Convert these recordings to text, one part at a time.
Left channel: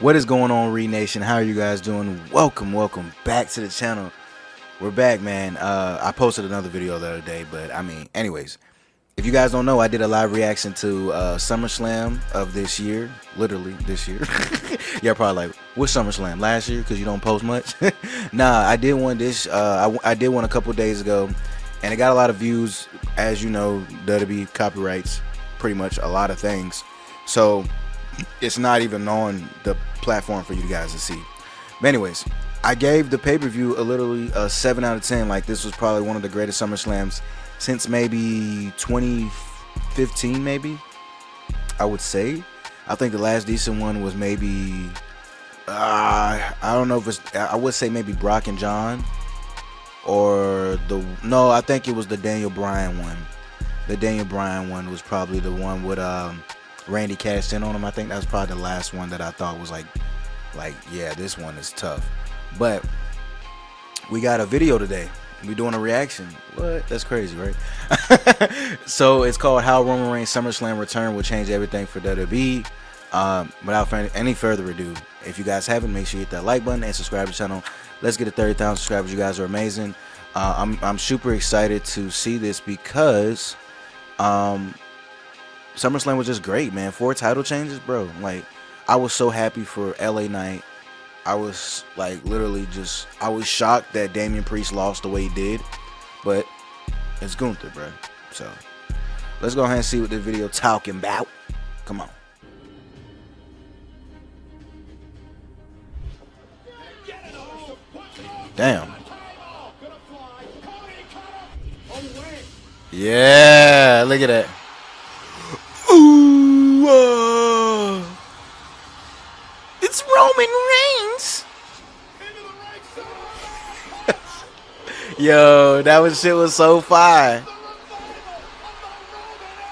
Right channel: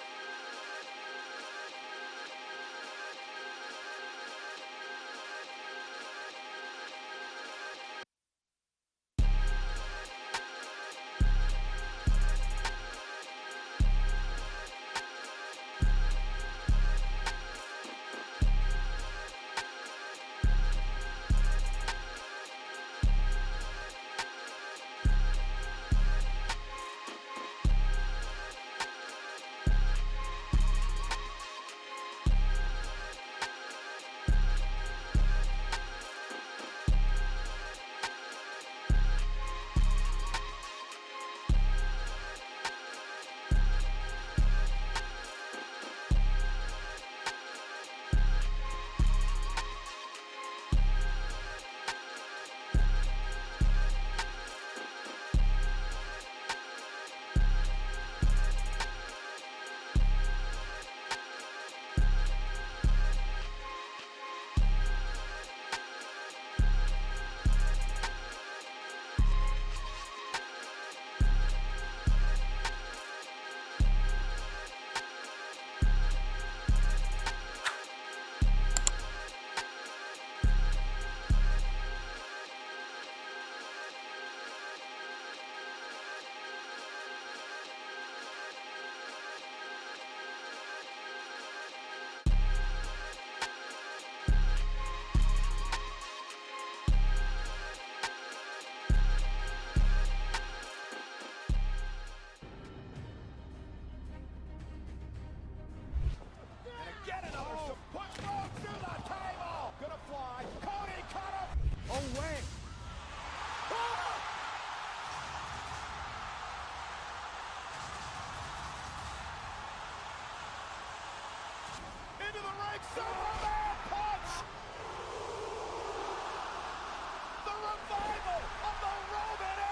What is going on, Reid Nation? How are you guys doing? Welcome back to the channel. We're back, man. I posted another video the other day, but anyways, if you guys don't know, I did a live reaction to SummerSlam of this year, literally this year. Y'all probably like, what SummerSlam? Last year? Because you don't post much? Nah, I did one this. I did one a couple days ago, and it got a lot of views. As you know, WWE copyrights pretty much a lot of things, so it's not even on the platform for you guys to see. But anyways, I gave the pay-per-view literally a 7 out of 10. Like, this was probably one of the greatest SummerSlams since maybe 2015, maybe, I would say. I think the last decent one was maybe, I don't know if it's, I would say maybe Brock and John, or no, I think it was the Daniel Bryan one. The Daniel Bryan one was probably the one with Randy cashed in on him. I think that was probably the last one that I thought was like yeah, this one is tough. But we got a video today. We doing a reaction. What? That's crazy, right? So it's called How Roman Reigns SummerSlam Return Will Change Everything for WWE. Without any further ado, if you guys haven't, make sure you hit that like button and subscribe to the channel. Let's get to 30,000 subscribers. You guys are amazing. I'm super excited to see this because SummerSlam was just great, man. 4 title changes, bro. Like, I was so happy for LA Knight. I was like literally just, I was shocked that Damian Priest lost the way he did, but it's Gunther, bro. So let's go ahead and see what this video talking about. Come on. Damn. Yeah, look at that. Ooh, it's Roman Reigns. Yo, shit was so fire.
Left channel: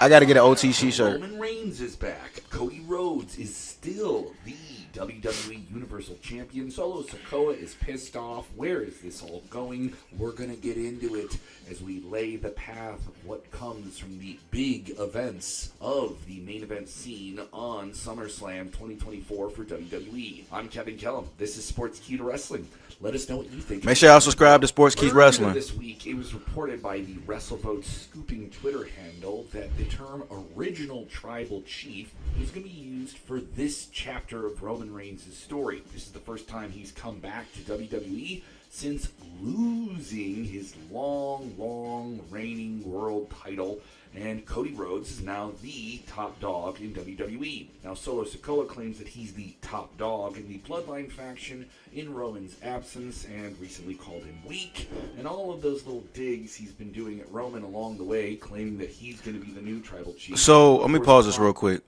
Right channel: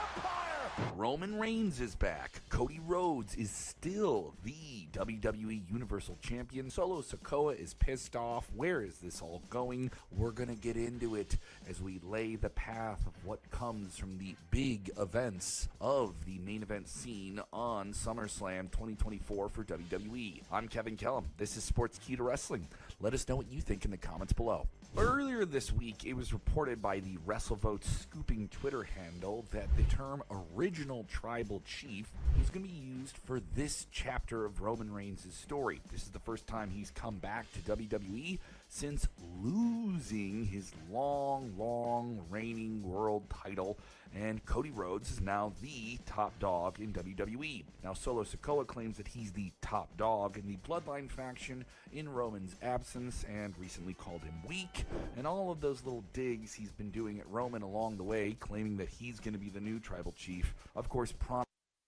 I gotta get an OTC shirt. Roman Reigns is back. Cody Rhodes is still the WWE Universal Champion. Solo Sikoa is pissed off. Where is this all going? We're going to get into it as we lay the path of what comes from the big events of the main event scene on SummerSlam 2024 for WWE. I'm Kevin Kellum. This is Sports Key to Wrestling. Let us know what you think. Make sure y'all subscribe to Sports Key Wrestling. This week, it was reported by the WrestleVote scooping Twitter handle that the term original tribal chief is going to be used for this chapter of Roman Reigns' story. This is the first time he's come back to WWE since losing his long reigning world title, and Cody Rhodes is now the top dog in WWE. Now, Solo Sikoa claims that he's the top dog in the Bloodline faction in Roman's absence and recently called him weak, and all of those little digs he's been doing at Roman along the way, claiming that he's going to be the new tribal chief. So let me pause this real quick.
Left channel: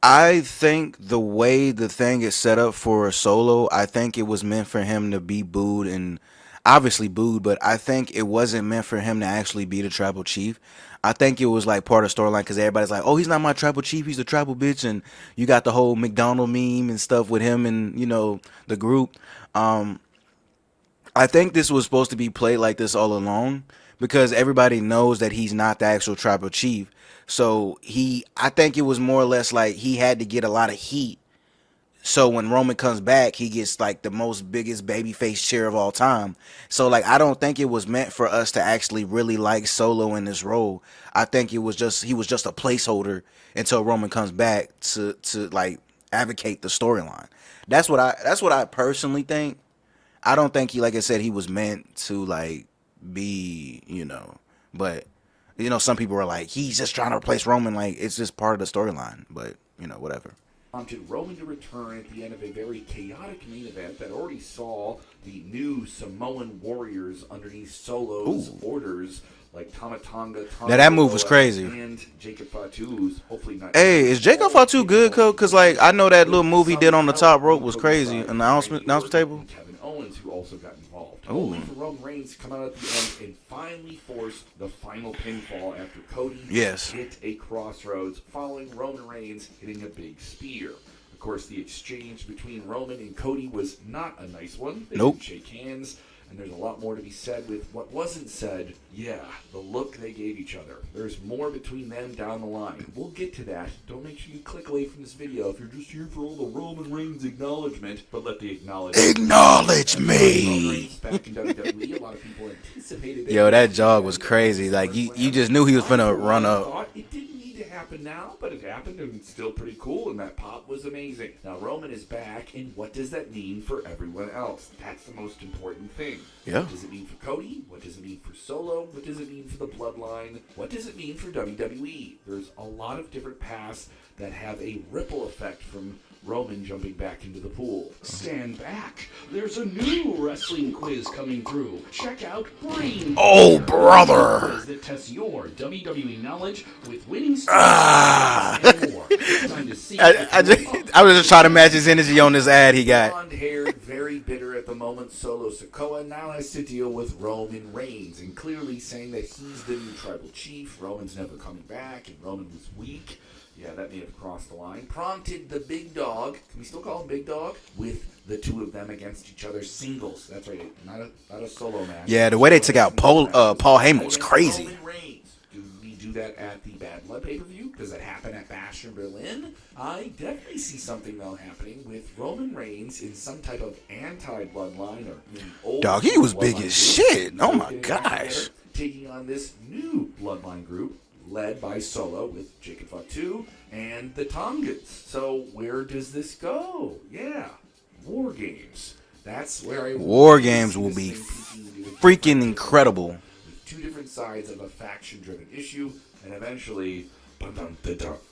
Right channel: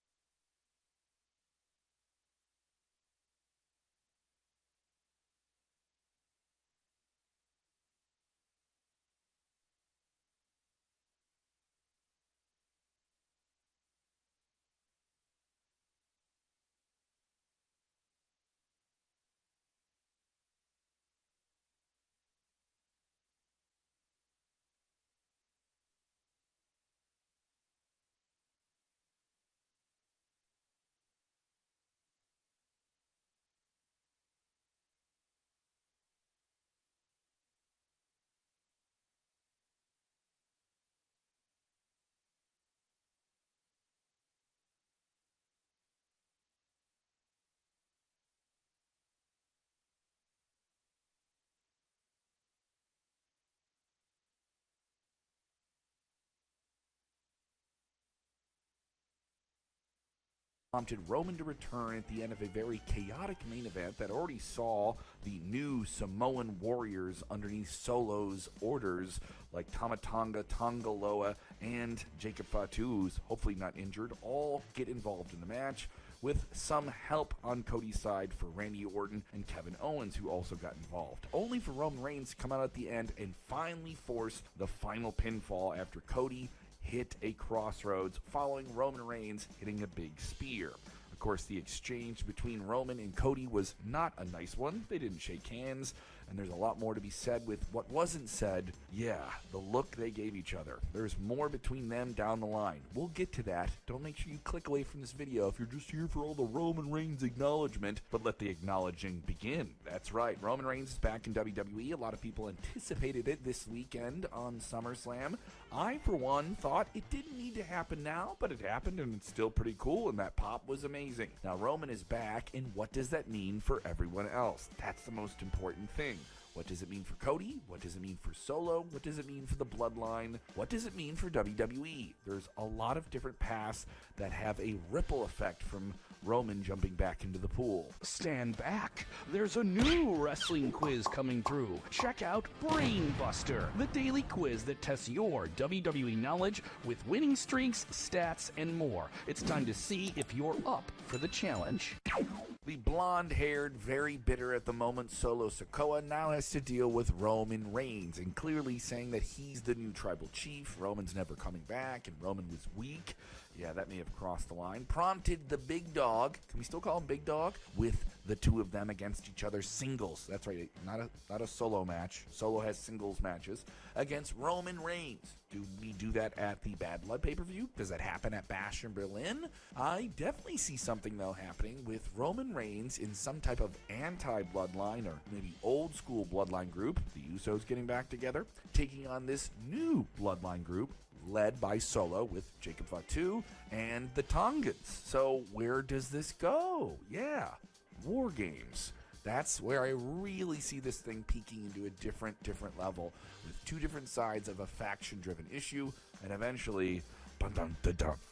I think the way the thing is set up for Solo, I think it was meant for him to be booed, and obviously booed, but I think it wasn't meant for him to actually be the tribal chief. I think it was like part of the storyline because everybody's like, oh, he's not my tribal chief, he's the tribal bitch, and you got the whole McDonald meme and stuff with him and, you know, the group. I think this was supposed to be played like this all along because everybody knows that he's not the actual tribal chief. So I think it was more or less like he had to get a lot of heat. So when Roman comes back, he gets like the most biggest babyface cheer of all time. So like, I don't think it was meant for us to actually really like Solo in this role. I think he was just a placeholder until Roman comes back to like advocate the storyline. That's what I personally think. I don't think he, like I said, he was meant to like be, you know, but you know, some people are like, he's just trying to replace Roman. Like, it's just part of the storyline, but you know, whatever. Prompted Roman to return at the end of a very chaotic main event that already saw the new Samoan warriors underneath Solo's orders, like Tamatanga, now that move was crazy, and Jacob Fatu's hopefully not. Hey, is Jacob Fatu good, cause like I know that little move he did on the top rope was crazy. Announcement table. Kevin Owens, who also got involved, only for Roman Reigns to come out at the end and finally force the final pinfall after Cody hit a crossroads following Roman Reigns hitting a big spear. Of course, the exchange between Roman and Cody was not a nice one. They didn't shake hands. and there's a lot more to be said with what wasn't said. Yeah, the look they gave each other. There's more between them down the line. We'll get to that. Don't make sure you click away from this video if you're just here for all the Roman Reigns acknowledgement, but let the acknowledge me. Roman Reigns back in WWE. A lot of people anticipated it. Yo, that jog was crazy. Like, you just knew he was finna run up. Thought it didn't need to happen now, but it happened, and it's still pretty cool, and that pop was amazing. Now, Roman is back, and what does that mean for everyone else? That's the most important thing. Yeah. What does it mean for Cody? What does it mean for Solo? What does it mean for the Bloodline? What does it mean for WWE? There's a lot of different paths that have a ripple effect from Roman jumping back into the pool. Stand back. There's a new wrestling quiz coming through. Check out Brain. Oh, brother. Quiz that tests your WWE knowledge with winning strategies and more. It's time to see. I was just trying to match his energy on this ad he got. Blonde-haired, very bitter at the moment, Solo Sikoa now has to deal with Roman Reigns, and clearly saying that he's the new tribal chief. Roman's never coming back, and Roman was weak. Yeah, that may have crossed the line. Prompted the big dog, can we still call him big dog? With the two of them against each other singles. That's right, not a solo match. Yeah, the way they took out Paul Heyman was crazy. Roman Reigns. Do we do that at the Bad Blood pay-per-view? Does that happen at Bash in Berlin? I definitely see something, though, happening with Roman Reigns in some type of anti-Bloodline or maybe old Dog, he was big as group. shit. Oh, my Getting back gosh. together, taking on this new Bloodline group led by Solo with Jacob Fatu and the Tongans. So where does this go? Yeah, War Games. That's where I War Games will be freaking incredible. With two different sides of a faction-driven issue, and eventually,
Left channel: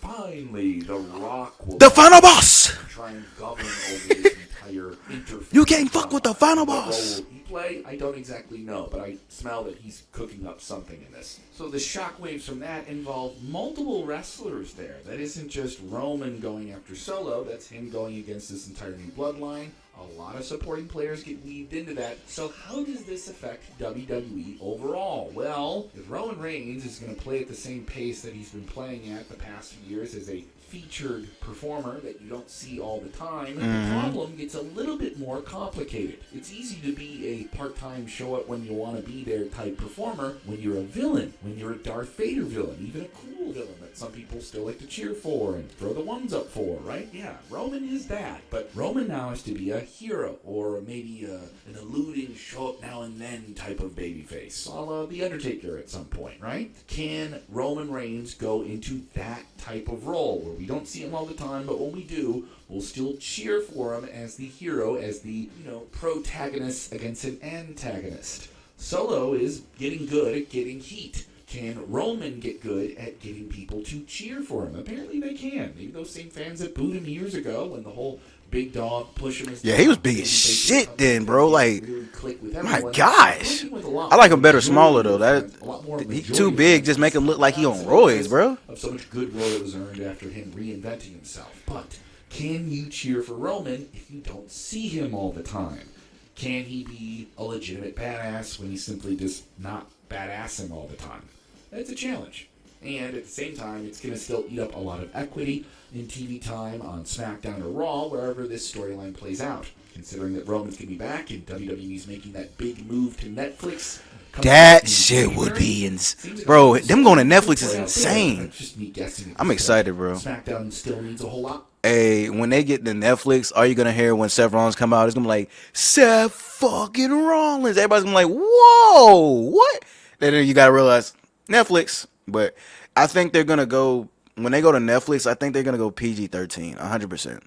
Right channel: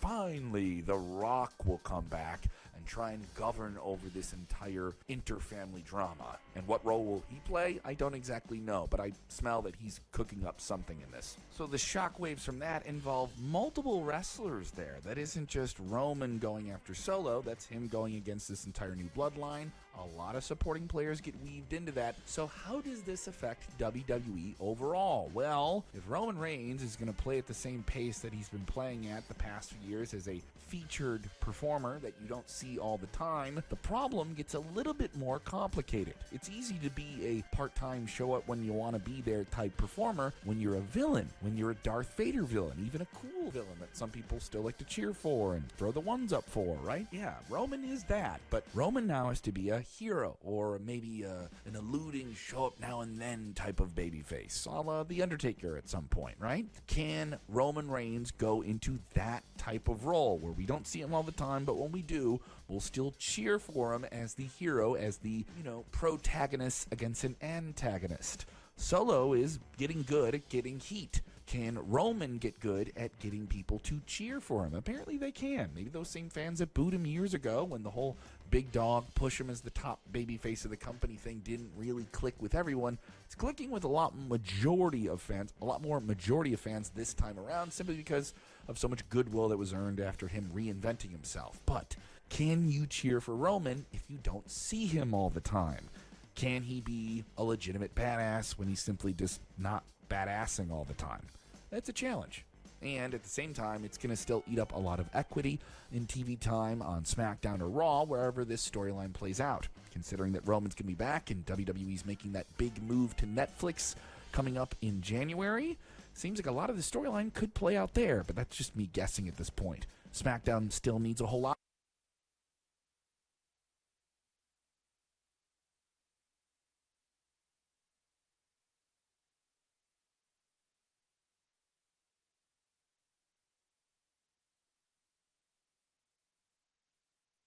finally, The Rock will The final boss. try and govern over this entire interface. You can't fuck with the final What boss. role will he play? I don't exactly know, but I smell that he's cooking up something in this. So the shockwaves from that involve multiple wrestlers there. That isn't just Roman going after Solo. That's him going against this entire new bloodline. A lot of supporting players get weaved into that. So how does this affect WWE overall? Well, if Roman Reigns is going to play at the same pace that he's been playing at the past few years as a featured performer that you don't see all the time, the problem gets a little bit more complicated. It's easy to be a part-time show up when you want to be there type performer when you're a villain, when you're a Darth Vader villain, even a cool villain that some people still like to cheer for and throw the ones up for, right? Yeah, Roman is that, but Roman now has to be a hero or maybe an eluding show up now and then type of babyface, a la The Undertaker at some point, right? Can Roman Reigns go into that type of role where we don't see him all the time, but when we do, we'll still cheer for him as the hero, as the, protagonist against an antagonist? Solo is getting good at getting heat. Can Roman get good at getting people to cheer for him? Apparently they can. Maybe those same fans that booed him years ago when the whole big dog push him as Yeah, he was big as shit then, bro. Like, really click with my everyone. gosh. With a lot I like him more better majority smaller, of though. fans, a lot more He's majority too of big. fans Just make him look like he on simply roids, because bro. of so much goodwill that was earned after him reinventing himself. But can you cheer for Roman if you don't see him all the time? Can he be a legitimate badass when he's simply just not badassing all the time? That's a challenge. And at the same time, it's going to still eat up a lot of equity in TV time on SmackDown or Raw, wherever this storyline plays out. Considering that Roman's going to be back and WWE's making that big move to Netflix. That shit would be insane. Bro, them going to Netflix is insane. That's just me guessing. I'm excited, bro. SmackDown still needs a whole lot. Hey, when they get to Netflix, all you're going to hear when Seth Rollins come out is going to be like, Seth fucking Rollins. Everybody's going to be like, whoa, what? Then you got to realize, Netflix. But I think they're going to go, when they go to Netflix, I think they're going to go PG-13, 100%.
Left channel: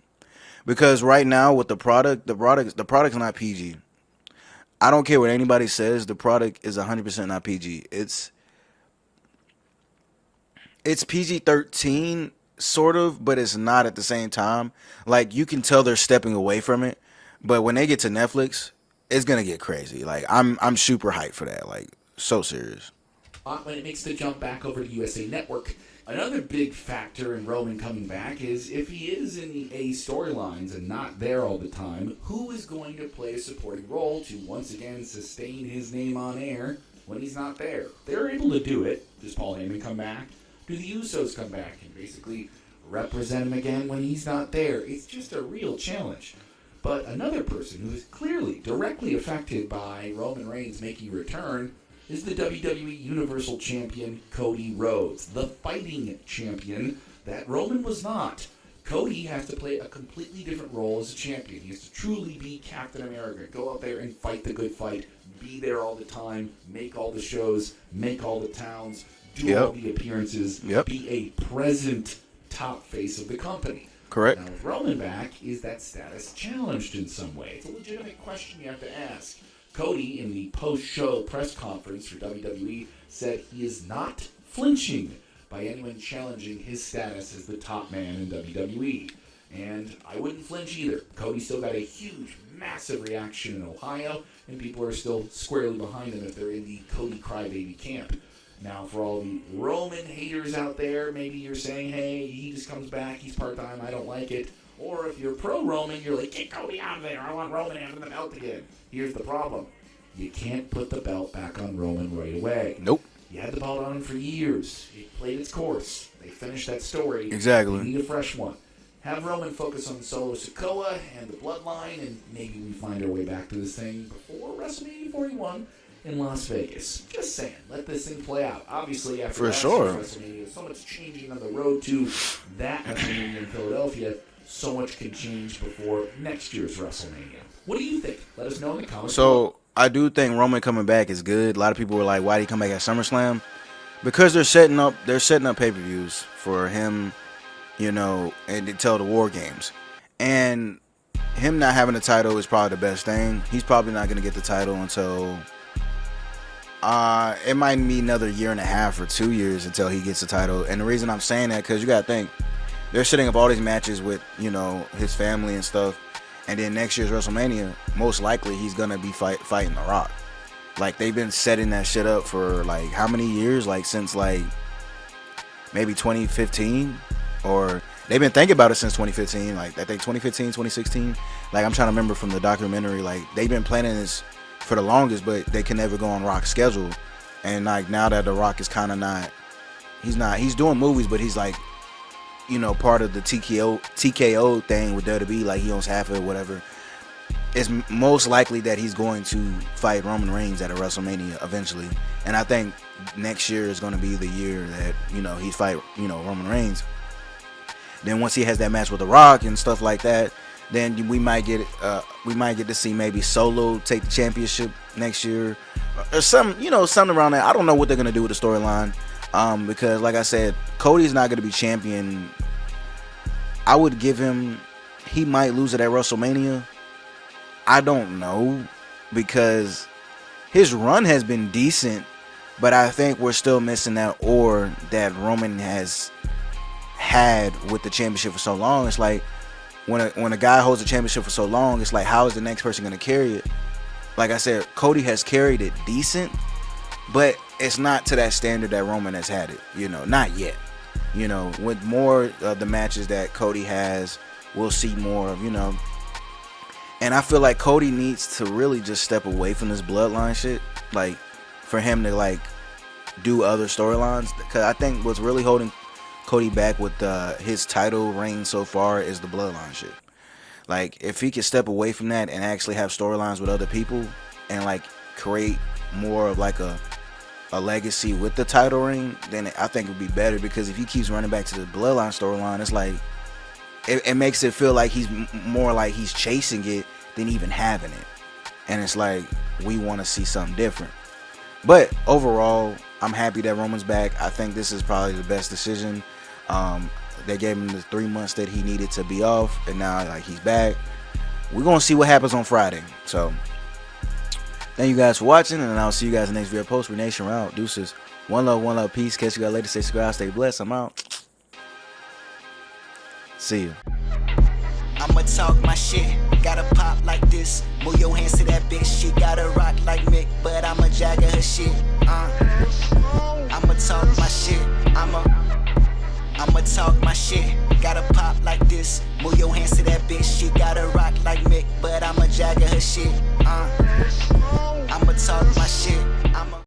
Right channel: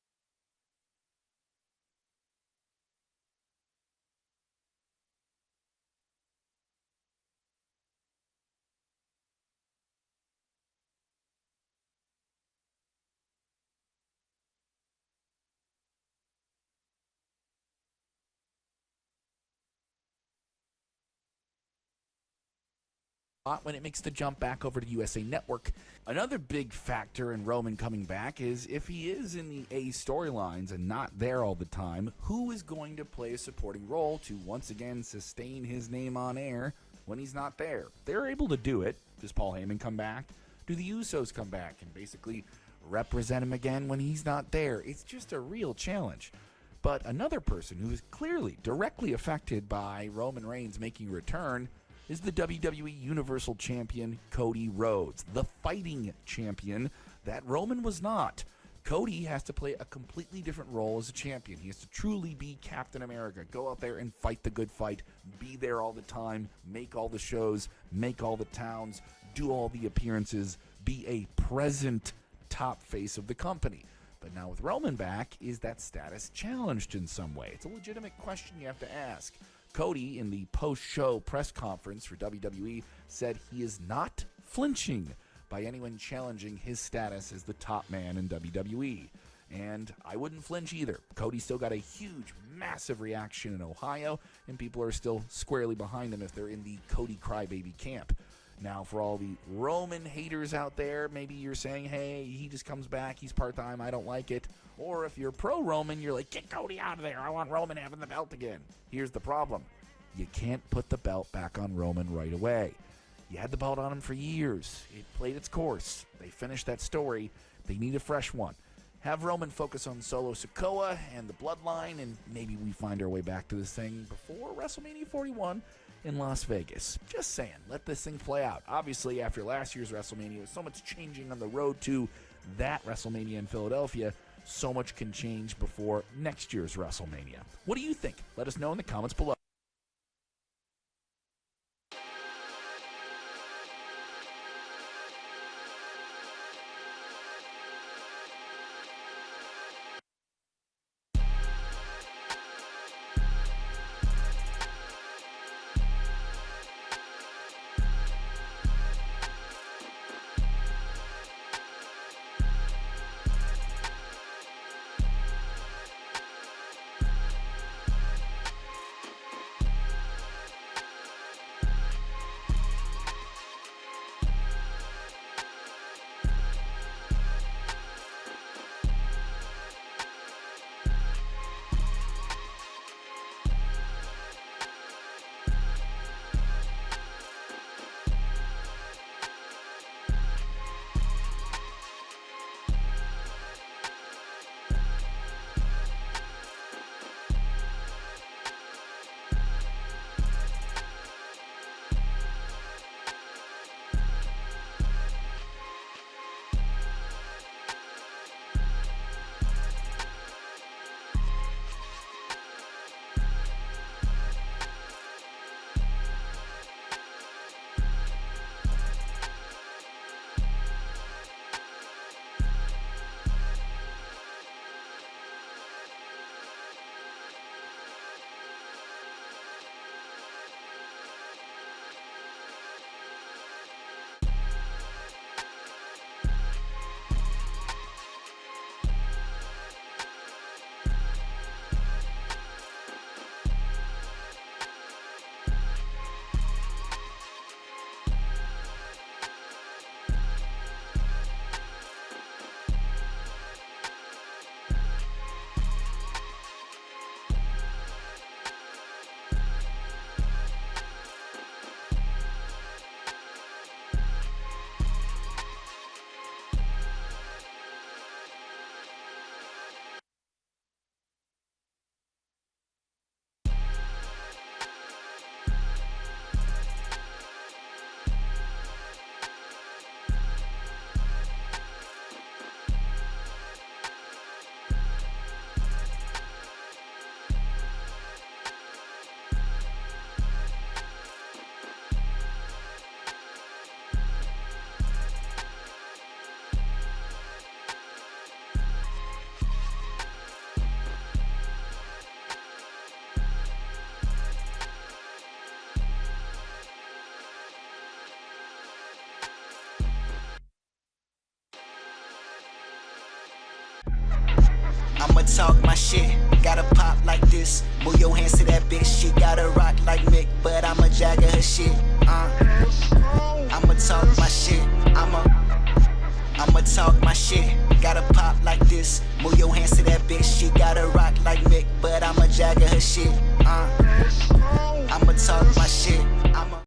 Because right now with the product's not PG. I don't care what anybody says, the product is 100% not PG. It's PG-13 sort of, but it's not at the same time. Like, you can tell they're stepping away from it, but when they get to Netflix, it's gonna get crazy. Like, I'm super hyped for that. Like, so serious. When it makes the jump back over to USA Network, another big factor in Roman coming back is if he is in the A storylines and not there all the time, who is going to play a supporting role to once again sustain his name on air when he's not there? They're able to do it. Does Paul Heyman come back? Do the Usos come back and basically represent him again when he's not there? It's just a real challenge. But another person who is clearly directly affected by Roman Reigns making a return is the WWE Universal Champion Cody Rhodes, the fighting champion that Roman was not. Cody has to play a completely different role as a champion. He has to truly be Captain America, go out there and fight the good fight, be there all the time, make all the shows, make all the towns, do all the appearances, be a present top face of the company. Correct. Now with Roman back, is that status challenged in some way? It's a legitimate question you have to ask. Cody, in the post-show press conference for WWE, said he is not flinching by anyone challenging his status as the top man in WWE. And I wouldn't flinch either. Cody still got a huge, massive reaction in Ohio, and people are still squarely behind him if they're in the Cody Crybaby camp. Now, for all the Roman haters out there, maybe you're saying, hey, he just comes back, he's part-time, I don't like it. Or if you're pro-Roman, you're like, get Cody out of there, I want Roman having the belt again. Here's the problem. You can't put the belt back on Roman right away. Nope. You had the belt on him for years. It played its course. They finished that story. Exactly. They need a fresh one. Have Roman focus on Solo Sikoa and the Bloodline, and maybe we find our way back to this thing before WrestleMania 41 in Las Vegas. Just saying. Let this thing play out. Obviously, after last year's WrestleMania, there's so much changing on the road to that WrestleMania in Philadelphia. So much can change before next year's WrestleMania. What do you think? Let us know in the comments below. I do think Roman coming back is good. A lot of people were like, why did he come back at SummerSlam? Because they're setting up pay-per-views for him, you know, and to tell the War Games. And him not having the title is probably the best thing. He's probably not going to get the title until it might be another year and a half or 2 years until he gets the title. And the reason I'm saying that, because you got to think, they're setting up all these matches with, you know, his family and stuff. And then next year's WrestleMania, most likely he's going to be fighting The Rock. Like, they've been setting that shit up for, like, how many years? Like, since, like, maybe 2015? Or they've been thinking about it since 2015. Like, I think 2015, 2016. Like, I'm trying to remember from the documentary. Like, they've been planning this for the longest, but they can never go on Rock's schedule. And, like, now that The Rock is kind of not, he's doing movies, but he's, like, you know, part of the TKO thing with WWE, like he owns half of it, whatever. It's most likely that he's going to fight Roman Reigns at a WrestleMania eventually. And I think next year is going to be the year that, you know, he fight, you know, Roman Reigns. Then once he has that match with The Rock and stuff like that, then we might get to see maybe Solo take the championship next year or something, you know, something around that. I don't know what they're going to do with the storyline. Because like I said, Cody's not going to be champion. I would give him, he might lose it at WrestleMania. I don't know, because his run has been decent, but I think we're still missing that aura that Roman has had with the championship for so long. It's like when a guy holds the championship for so long, it's like, how is the next person going to carry it? Like I said, Cody has carried it decent, but it's not to that standard that Roman has had it, you know, not yet. You know, with more of the matches that Cody has, we'll see more of, you know. And I feel like Cody needs to really just step away from this bloodline shit, like, for him to, like, do other storylines. Because I think what's really holding Cody back with his title reign so far is the bloodline shit. Like, if he could step away from that and actually have storylines with other people and, like, create more of, like, a legacy with the title ring, then I think it would be better. Because if he keeps running back to the bloodline storyline, it's like it makes it feel like he's more like he's chasing it than even having it, and it's like we want to see something different. But overall, I'm happy that Roman's back. I think this is probably the best decision. They gave him the 3 months that he needed to be off, and now like he's back. We're gonna see what happens on Friday. So thank you guys for watching, and I'll see you guys in the next video post. Nation, we're out. Deuces. One love, peace. Catch you guys later. Stay subscribed, stay blessed. I'm out. See you. I'ma talk my shit, gotta pop like this. Move your hands to that bitch, she gotta rock like Mick, but I'ma jagger her shit. I'ma talk my shit, I'ma talk my shit, gotta pop like this. Move your hands to that bitch, she gotta rock like Mick, but I'ma jagger her shit.